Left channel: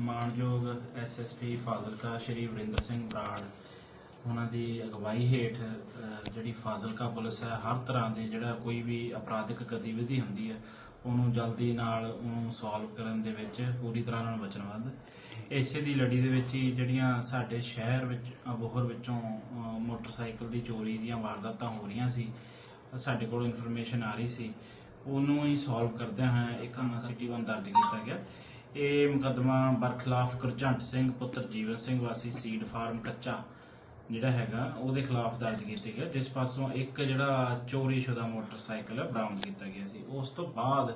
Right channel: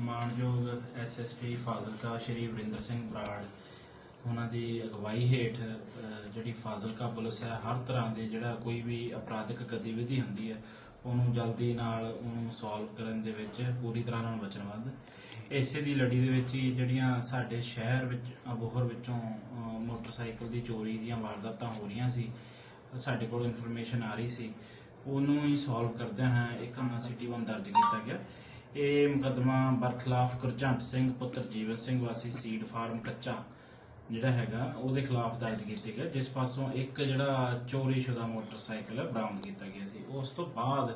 ਮਾਨਯੋਗ ਐਸਐਸਪੀ ਫਾਜ਼ਿਲਕਾ ਸ਼੍ਰੀ ਵਰਿੰਦਰ ਸਿੰਘ ਬਰਾੜ, ਉਹਨਾਂ ਦੀ ਅਗਵਾਈ ਹੇਠ ਜਿਹੜੀ ਫਾਜ਼ਿਲਕਾ ਪੁਲਿਸ ਹੈ, ਹਰ ਤਰ੍ਹਾਂ ਦੇ ਜਿਹੜਾ ਕੋਈ ਵੀ ਅਪਰਾਧਿਕ ਗਤੀਵਿਧੀ ਹੁੰਦੀ ਹੈ, ਉਹਨੂੰ ਜਲਦੀ ਨਾਲ ਉਹਨੂੰ ਸੋਲਵ ਕਰਨ ਦੇ ਵਿੱਚ ਪੂਰੀ ਤਰ੍ਹਾਂ ਨਾਲ ਵਚਨਬੱਧ। ਇਸੇ ਦੀ ਲੜੀ ਦੇ ਵਿੱਚ ਹੀ ਜਿਹੜੀਆਂ ਸਾਡੇ ਸ਼ਹਿਰ ਵਿੱਚ ਅਬੋਹਰ ਵਿੱਚੋਂ ਮੋਟਰਸਾਈਕਲ ਦੀ ਚੋਰੀ ਦੀਆਂ ਵਾਰਦਾਤਾਂ ਹੋ ਰਹੀਆਂ ਸੀ, ਸਾਡੇ ਕੋਲ ਇਨਫੋਰਮੇਸ਼ਨ ਆ ਰਹੀ ਸੀ, ਉਹਨੂੰ ਹੀ ਸੋਲਵ ਕਰਦਿਆਂ ਹੋਇਆ ਇੱਕ ਸਿਟੀ ਵਨ ਦਰਜ ਕੀਤਾ ਗਿਆ। ਇਹ ਮੁਕੱਦਮਾ ਬਰਖਲਾਫ ਗੁਰਜੰਟ ਸਿੰਘ, ਪੁੱਤਰ ਜੀਵਨ ਸਿੰਘ ਵਾਸੀ ਸੀਡ ਫਾਰਮ ਕੱਚਾ ਜਿਹੜਾ ਹੈਗਾ, ਉਹਦੇ ਖਿਲਾਫ ਦਰਜ ਕੀਤੇ ਗਿਆ ਜਿਸ ਪਾਸੋਂ ਇੱਕ ਜਿਹੜਾ ਚੋਰੀਸ਼ੁਦਾ ਮੋਟਰਸਾਈਕਲ ਹੈ, ਬਰਾਮਦ ਕੀਤਾ ਗਿਆ ਸੀ। ਉਸ ਤੋਂ ਬਾਅਦ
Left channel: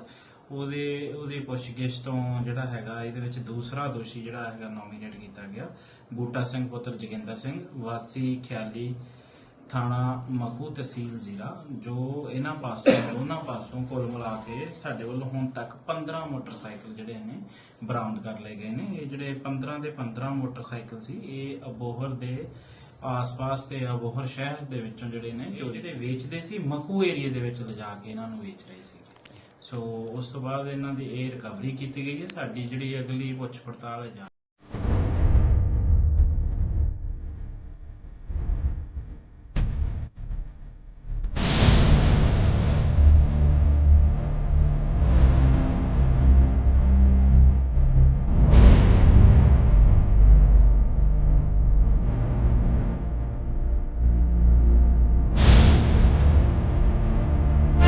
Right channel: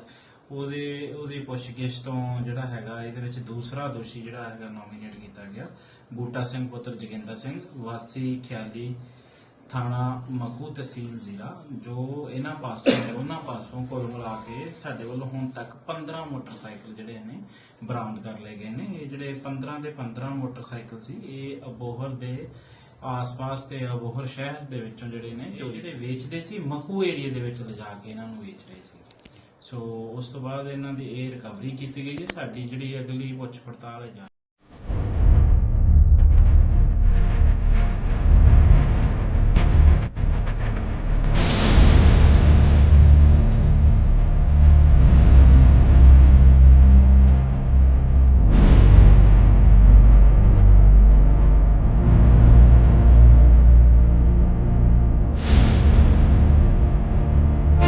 ਉਹਦੇ, ਉਹਦੀ ਪੁੱਛਗਿੱਛ ਤੋਂ ਜਿਹੜਾ ਹੈਗਾ, ਇਹਦੇ ਵਿੱਚ ਦੂਸਰਾ ਦੋਸ਼ੀ ਜਿਹੜਾ ਹੈਗਾ ਨੋਮੀਨੇਟ ਕੀਤਾ ਗਿਆ। ਬੂਟਾ ਸਿੰਘ, ਪੁੱਤਰ ਜੋਗਿੰਦਰ ਸਿੰਘ, ਵਾਸੀ ਖਿਆਲੀ ਥਾਣਾ ਮਖੂ ਤਹਿਸੀਲ ਜ਼ਿਲ੍ਹਾ ਜੋ ਇਹਨਾਂ ਪਾਸੋਂ ਦੋਨਾਂ ਪਾਸੋਂ ਕੁੱਲ ਮਿਲਾ ਕੇ ਸਾਡੇ ਵੱਲੋਂ ਹੁਣ ਤੱਕ 15 ਮੋਟਰਸਾਈਕਲ ਜਿਹੜੇ ਨੇ ਬਰਾਮਦ ਕਰ ਲਏ ਗਏ ਨੇ। ਇਹ ਜਿਹੜੇ 15 ਦੇ 15 ਮੋਟਰਸਾਈਕਲ ਸੀ ਇਹ ਅਬੋਹਰ ਦੇ ਆਸ-ਪਾਸ ਤੇ ਅਬੋਹਰ ਸ਼ਹਿਰ ਦੇ ਵਿੱਚੋਂ ਜਿਹੜੇ ਨੇ ਚੋਰੀ ਦੇ ਵੇਚਦੇ ਸੀ ਮਖੂ ਏਰੀਆ ਦੇ ਵਿੱਚ ਲਿਜਾ ਕੇ ਇਹਨਾਂ ਨੂੰ ਵੇਚ ਰਹੇ ਸੀ ਸੋ ਉਸ ਤੋਂ ਬਾਅਦ ਇਹਨਾਂ ਦੀ ਇਹ ਰਿਕਵਰੀ ਕੀਤੀ ਗਈ ਹੈ। ਸਾਡੀ ਜਿਹੜੀ ਅਗਲੀ ਪੁੱਛ ਪੜਤਾਲ ਹੈ